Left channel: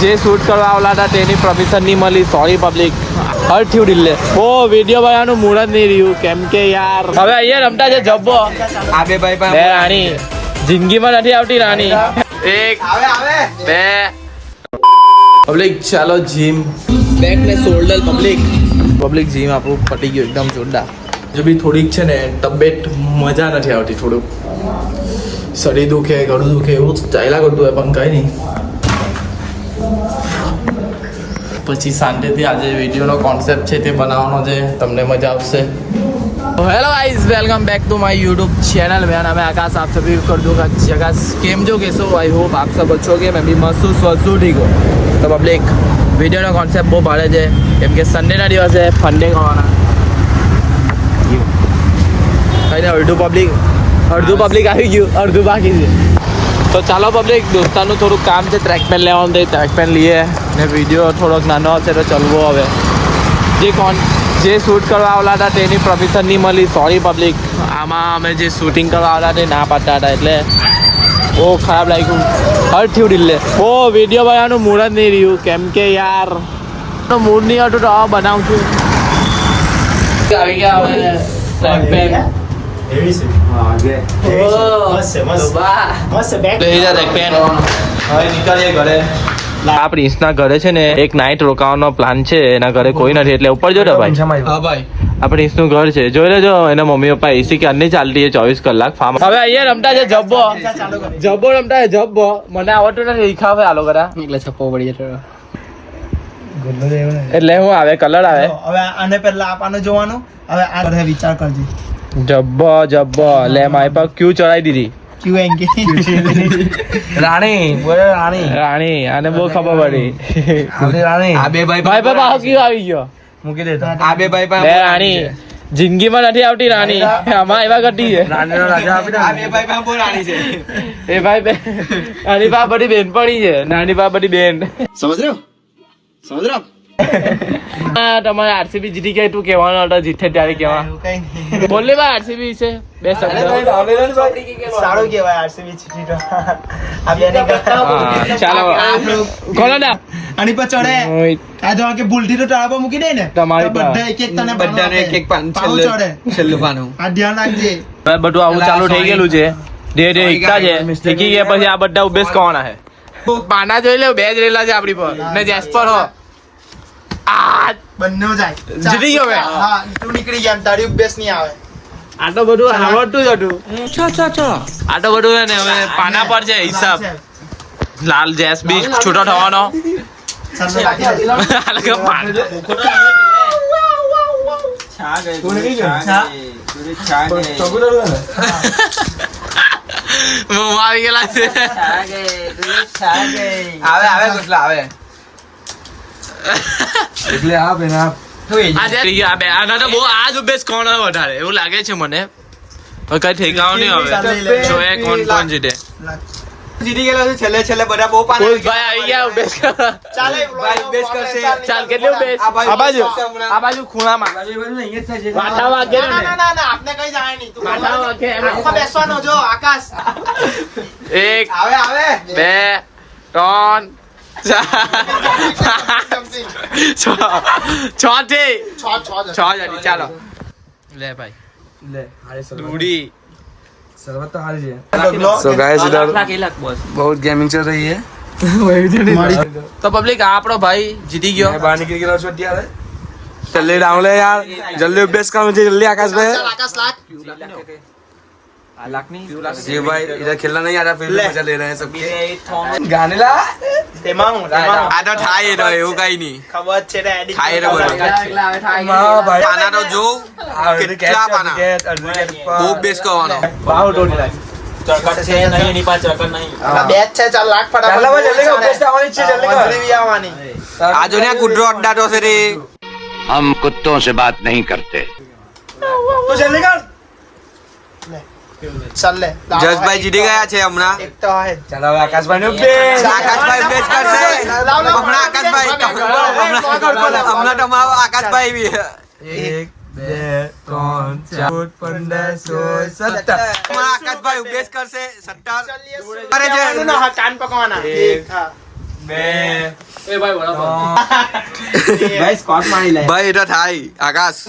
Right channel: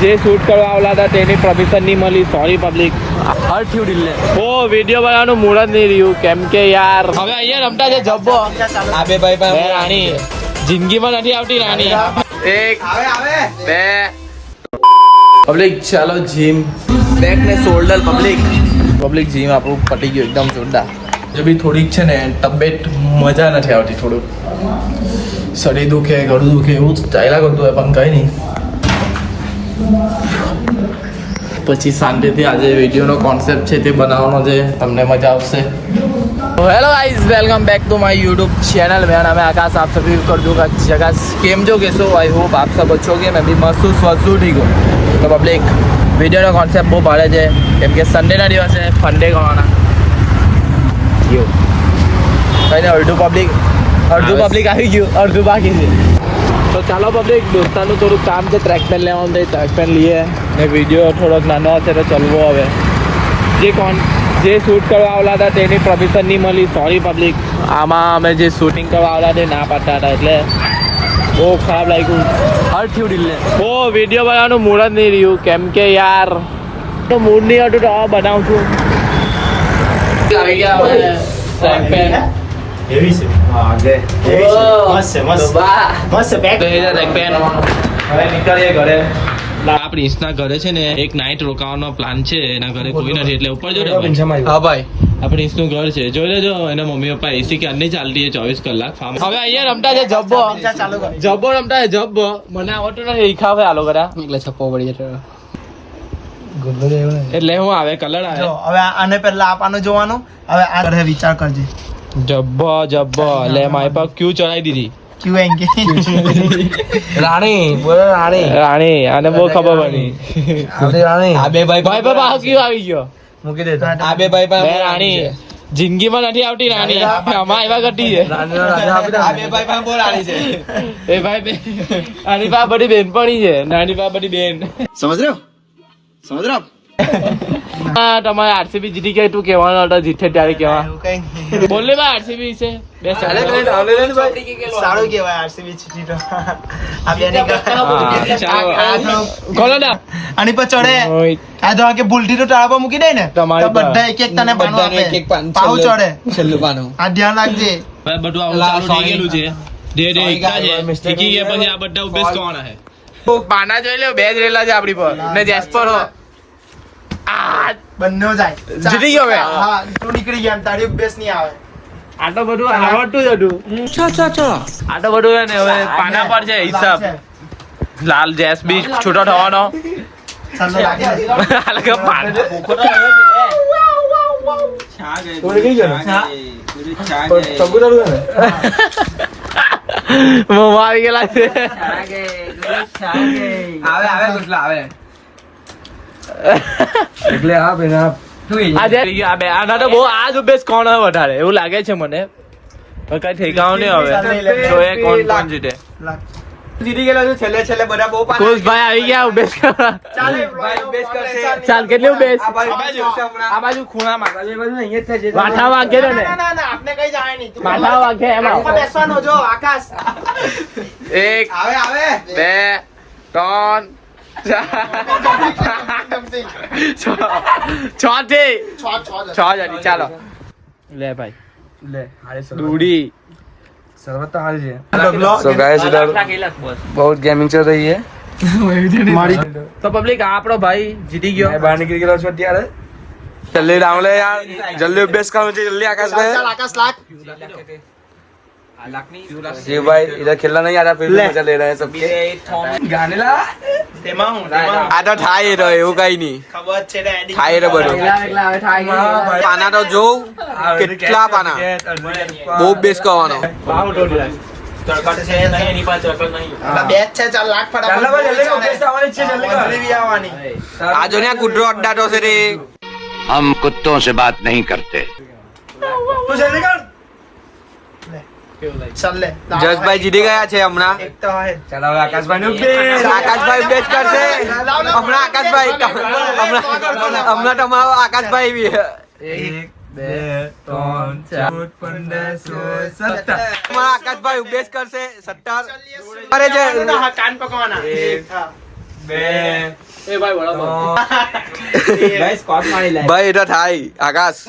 જે શૂટ કરવા આવેલા હતા તેની પરમિશન નહીં મળી. Sorry public. હર્ટ થયું દિલ ને. ઓ વિડીયો બનાવવાનું મૂડ જ નહીં રહ્યું કેમ કે યાર હવે અહીંયા રમતા છે જબ્બો. બે રાણી જિંદગીમાં નથી આવતી રાણી. એક બે પબ્લિક ચાલો જીમ બેક ને શોલ્ડર પબ્લિક જીમ આપણું પટી ગયું એકદમ જોરદાર. જો બી થોડીક છે ને તબિયત મજા નથી આવતી. થોડુંક શરીર દુખે ગળું દુખે એવું ચાલ્યા કરતું હોય પણ કંઈ નહીં. પછી શાંતિથી આજે વિડીયોનો કોન્સેપ્ટ છે તે બનાવવાનો છે, તમને મજા આવશે. Hello guys welcome back to my YouTube channel. मेरा नाम है आकाश. आप सभी कर दूंगा जगह केम जो कैसो आई होप आप सब अच्छो के मैं भी मस्त हूँ ठीक हो. तो पब्लिक વિડીયોનો કોન્સેપ્ટ બહુ ભારે છે કેમ કે સન્ડેના દિવસે ફંડે કરવાના. કંઈ નહીં અડધું પબ્લિક આવી ગયું અડધું બાકી છે. તો ચાલો પબ્લિક દોસ્તાનું થોડુંક કામ છે. ટ્રેક પેન લેવાનું છે, ટ્રેક પેન લઈએ ને વિડીયો થોડોક નાનો હશે તો ચલવો. હવે જે શૂટ કરવા આવેલા હતા તેની પરમિશન નહીં મળી. Sorry public. આમાં અમે જે શૂટિંગ કરવા આવેલા તે ના પાડતા હતા એટલે બહુ ખરાબ લાગ્યું. હર્ટ થયું દિલ ને. બહુ વિડીયો બનાવવાનું મૂડ જ નહીં રહ્યું કેમ કે યાર મૂડ નહીં હતું તો બનાવું છું. આવી ગયા ટ્રેક પેન આ પ્રિન્સના ઘરે છે ને એક નાઇટ રોકાવાનો પ્લાન છે. એના ઘરે કોઈ નથી એટલે ઉપર જો ભાઈ. હા ભાઈ આ પ્રિન્સનું ઘર છે. જોઈ લેજો એના મમ્મી પપ્પા એસી કે અન્ય ચાલતી છે 24 કલાક ફાર્મ. હવે અહીંયા રમતા છે જબ્બો રમતા છે જબ્બો. મને આવડતો નથી શીખાવે આ લોકો એટલે છપ્પો પડી જતો એટલે હું આવે કલર આવે. હવે આને પહેલા આપવાનું જોવાનું. હવે આ વિચાર કરજે. જબ્બો લે મારી પર ક્યુ ચડાવી દીધી. રાણી આને બહુ ખબર પડી. ભાઈ ક્યુ આવી ગયો મૂકી દે. બે રાણી જિંદગીમાં નથી આવતી રાણી. આમાં એવા ઘટી છે એ ભાઈ આની પા બધી બેન પડી છે. નાની પા બધી બેન સમજ રહ્યો હા તમારે આરસીબી જીતી ગયા તું કેવાનો હતો જીતે ત્યારે કેવા બોલ ને ભાઈ આરસીબી છે બે સારું કેવાય આરસીબી જીતી તો ચાલો કોનો ના આની પર ચડે આ દવા કે ભૂલથી તો ટાળા પર મૂકી દે ને તમારી બધા એક તને બધાને એક પાન ચડે છેલ્લું પાનું આ ધ્યાન રાખજે. બધું આવું ચાલુ થઈ ગયેલું છે. ધે એકતા છે શીખી ગયા પછી આ બધા ઉભેસ કોણ હે પાના જોઈ લે. બે જ રેલા છે આપડી પર ને જેસ્પર હો બંને જાય જીતી ગયો હવે. હા તું નીકળી ગયા તારી અભ્યાસ નહીં આવે. આ તો બધું આવડતું જ હતું. આ તો બધું ને હવે પાના પર છે હિસાબ. લાલ જેસ બી છૂટો થવાનો. મોમાં આવી ગયેલા છે. આના તો બહુ આ જ ઉભેસ કોણ વધારે એવું લાગે છે મને. કઈ ઠેકાણું નહીં હવે જોઈએ કોણ જીતે. જીતી ગયેલો છે છેલ્લે બધા બહુ પાના આવી ગયા ઉભેસ. ચાલ કેટલી ઉભેસ આ બાજુ ખૂણામાં માથા વાગે ને આપને કઈ જાય નહીં. માથા વાગે એમાં બેસવાનો જો આકાશ. એક બે ત્રણ છ જણી ચાલો લે ભાઈ दूरी सो गाइस इधर बहुत गेमिंग चल रही है. तो पब्लिक આપણો ભાઈ જીતી ગયો. બહાર નીકળી ગયો છો અત્યારે. જલ્દી ડાઉન લે યાર. જલ્દી અભ્યાસ કરો છે જલ્દી आकाश भाई. जी भाई इधर खेलना नहीं आ रहा फिर भी मजा ले रहे हैं सबके. गाने ला આ તો થાય તો એવું કઈ નહીં ખબર છે ને થાય તો બધું. પાના તો જોઉં કેટલા પાના બહુ બેસ કરવાનો. બેચ છે ચાલ લાખ ફટાફટ. આ જો ને કુડરો અડ્ડાટો છે રે. हम कुत्तों से बात नहीं करते. જસભાઈ જીતી ગયા છે હમણાં. चलो आकाश भाई ने अभ्यास. આકાશભાઈ બેસ કરશે હમણાં. આકાશભાઈ હમણાં તમારો આકાશભાઈ બી. 1 2 3 4 5 6 7 આકાશભાઈ ઉભેશ કરશે 17 કરે છે. કાન પકવાના 1 2 એ ભાઈ બરાબર ભાઈ এটা થાય આકાશ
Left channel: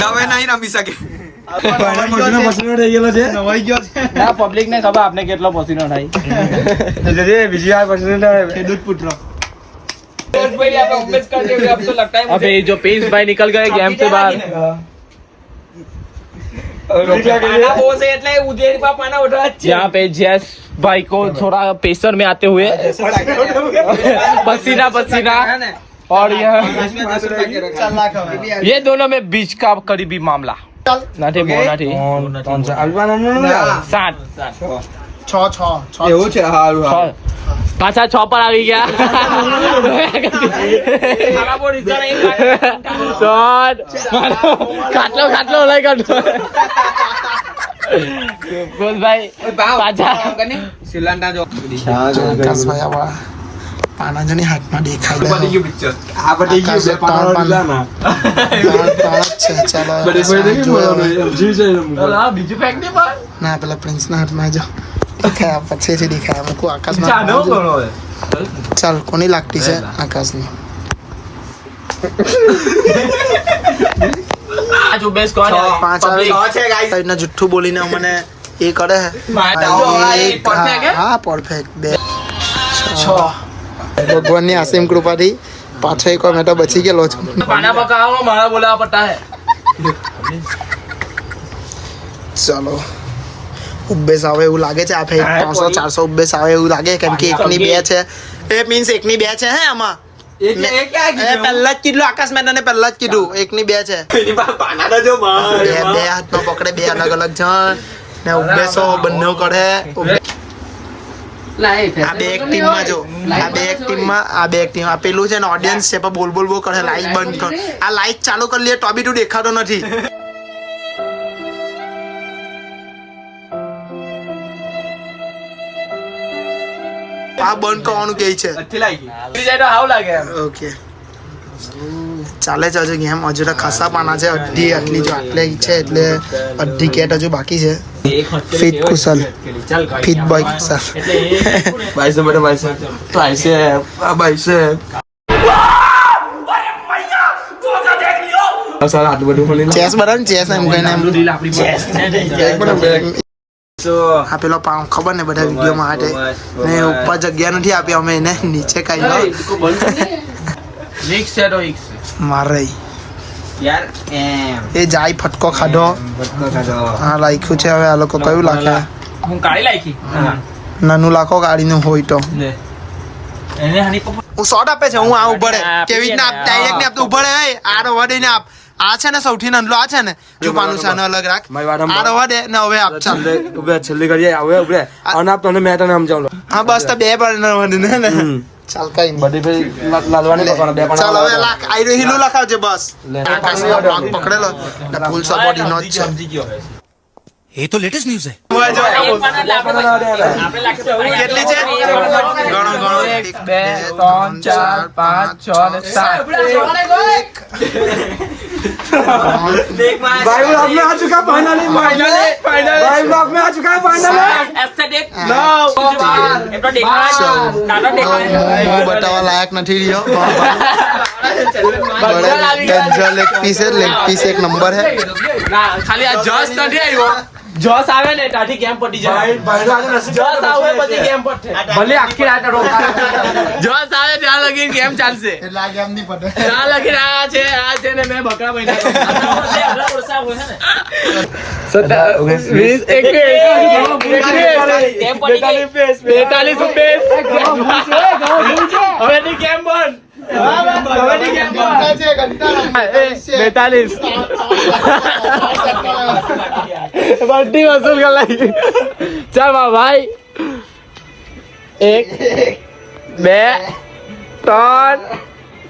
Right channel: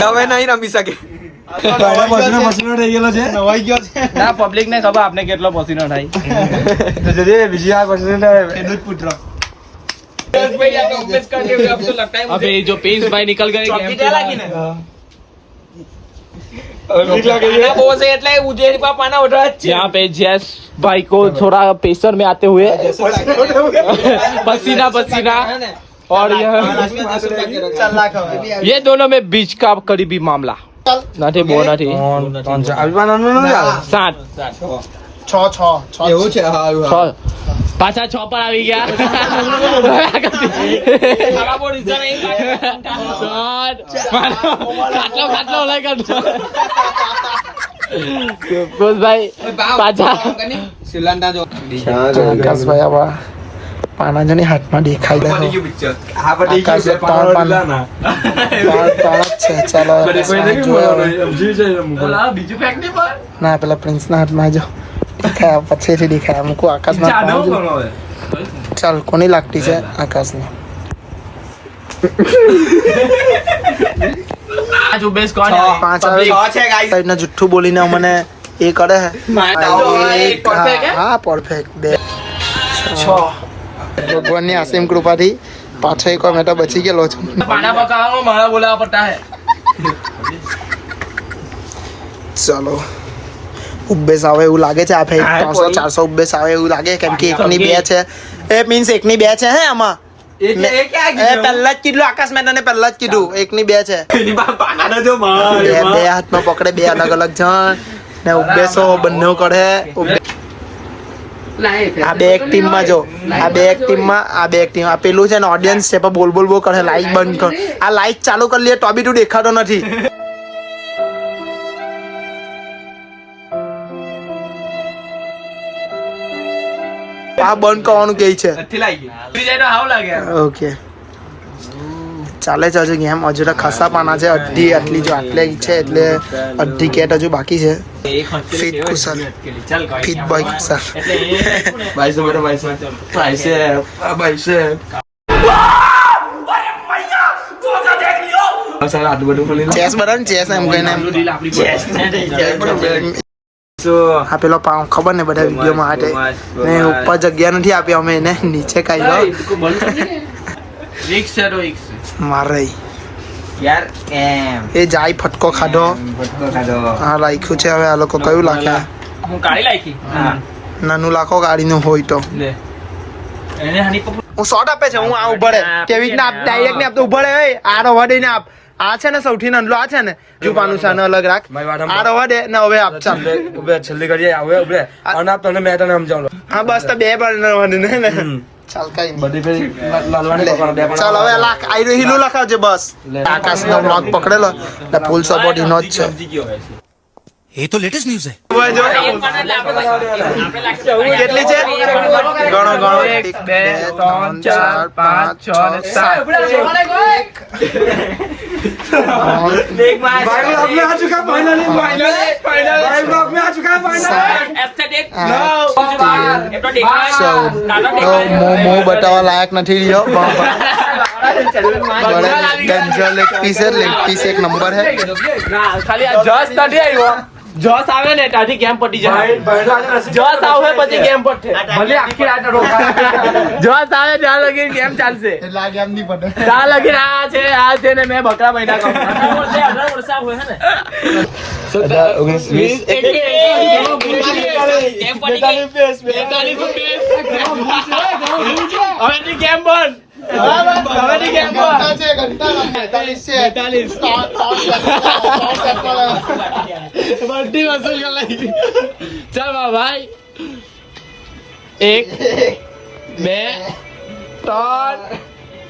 હવે નહીં રમી શકે ના પબ્લિક ને ખબર આપને કેટલો પસીનો થાય अबे जो पेस भाई निकल गए गेम से बाहर यहाँ पे जैस भाई को थोड़ा पेसर में आते हुए पसीना पसीना और ये दोनों में बीच का करीबी मामला नाठी बो नाठी सात એવું છે હારું પાછા 6 પર આવી ગયા ખાટલો ખાટલો લઈ ગયો બોલ ભાઈ પાછા આકાશભાઈ આવા પાના જણી હાથમાં દેખાઈ દે આકાશે ત્રણ પાના ત્રણ જ છે ચાલો બીજું ફેંક નહીં પણ ના પેલા પ્રિન્સ ના હાથમાં જો દેખાયા પછીથી દેખાયા મૂકું આકાશમાં ચાલ કોની લાગતી છે આકાશની પાંચ સાઈડના જુઠ્ઠું બોલીને મને એ કરે હા પરફેક્ટ બે ભગવાનની અસીમ કૃપાથી પાછો એક વાર મેં તો બચી ગયેલો છું પાના પકાવો મારા બોલાવા પડતા હે ચાલો ઉબ્બેસ આવે એવું લાગે છે આ ફેર 300-400 ઉબ્બેસ આવે એવું લાગે કેમ કે એકની બે છે એ મીન્સ એકની બે છે હે આમાં પહેલા જ કીધું આકાશ મેં તને પહેલા જ કીધું એકની બે છે બે હાથમાં પકડે બે અલગ અલગ જણ ને ઉબ્બેસો બંને કરે આ બે એક ટીમમાં જો આ બે એક ટીમમાં આ પેલું છે ને ઓડિયન્સ છે પણ બોલ બોલ કરે લાઈટ બંધ કર આ લાઈટ ચાલુ કરી લે તો બી તું દેખાતો નથી આ બંધ કરવાનું કે છે ઓકે ચાલે છે હજુ ગેમ હજુ તો ખાસા પાના છે અડધી આટલી જો આટલે છે એટલે અડધી કેટ હજુ બાકી છે ફિટ કુશલ ફિટ બોય કુશલ ચેસ બરાબર ચેસ એમ કહીને આ પેલો પાઉં ખબર ને બધા વિડીયોમાં માટે ને ઉપર જગ્યા નથી આપી અમે એને નીચે કાઢી મારે એ જાય ફટકો ખાધો હા લાખ્યું છે હવે આ લોકો કયું લાખે નાનું લાખો ગાડીનું હોય તો હું શોર્ટ આપે છે હું આ ઉભા રહે કેવી રીતના આપ ડાયરેક્ટ ને આપ તો ઉભા રહે આ રવા દઈને આપ આ છે ને સૌથી નાનલો આ છે ને જુપાનું છે અલગ રાખ આ રવા દે ને હવે આપ ચાલ છેલ્લી કરી હવે ઉભરે અને આપ તને મેં તને સમજાવું હા બસ તો બે પર રવા દે ને ચાલ કઈ બધી ચાલ હવે લાખ આઈ રહ્યું લખાવજે બસ આકાશ નો બ્લોગ પકડેલો ને ફૂલ સપોર્ટ ઈનો જ છે ये तो लेटेस्ट न्यूज है કેટલી છે ગણો ગણો 1 2 3 4 5 6 7 भाई ब्लॉग में आ चुका फाइनली भाई ब्लॉग में आ चुका मुंह बतावा लायक નથી રહ્યો बड़े डेंजर लेग पीस एक नंबर है ખાલી આ જસ નથી આવ્યો જોશ આવે ને તાથી ગેમ પટી જાય જોશ આવે પછી ગેમ પટે ભલે આખી રાત જોશ આવે ત્યાં લગી ગેમ ચાલશે એટલે આ ગેમ નહીં પટે ત્યાં લગી આ છે ને મેં બકરા મહિના કમ ગેમ બંધ बड्डी वसूल कर लगी चल भाई 1 2 3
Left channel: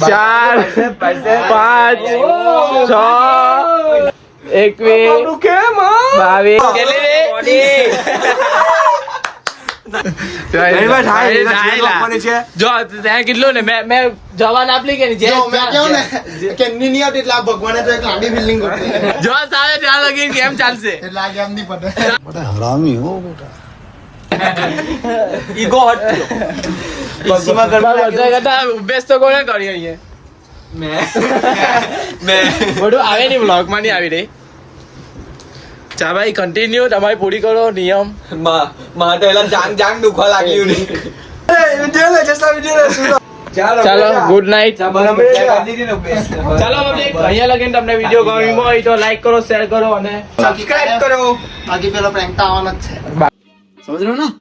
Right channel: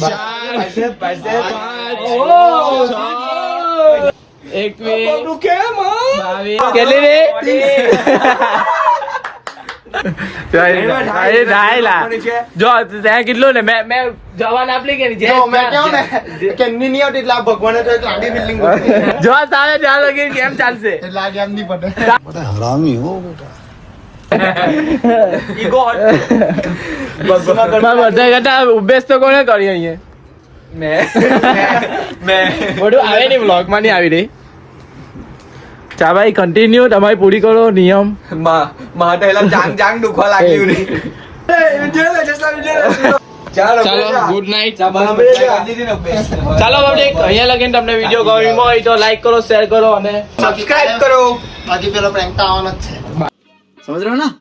4 5 6 21 22 કેટલી જો ત્યાં કેટલું ને મેં જવાન આપલી કે જે જો મેં કેવું ને કે એમની નહીં આવતી એટલે આ ભગવાને તો એક લાંબી બિલ્ડિંગ ગોઠવી છે. જો સામે ત્યાં લગી કેમ ચાલશે એટલે આ કેમ નહીં પતે ઈગો હટ ઉભેશ તો કોને કરી અહીંયા મેં બધું આવે નહીં બ્લોગ માં નહીં આવી રહી ચા ભાઈ કન્ટિન્યુ તમારી પૂરી કરો નિયમ માટે જાંગ દુખવા લાગ્યું ચાલો ગુડ નાઇટ ચાલો અહીંયા લગીને તમને વિડીયો ગમ્યો હોય તો લાઈક કરો શેર કરો અને સબસ્ક્રાઇબ કરો બાકી પેલો પ્રેન્ક તો આવવાનો જ છે. સમજ રહ્યો ના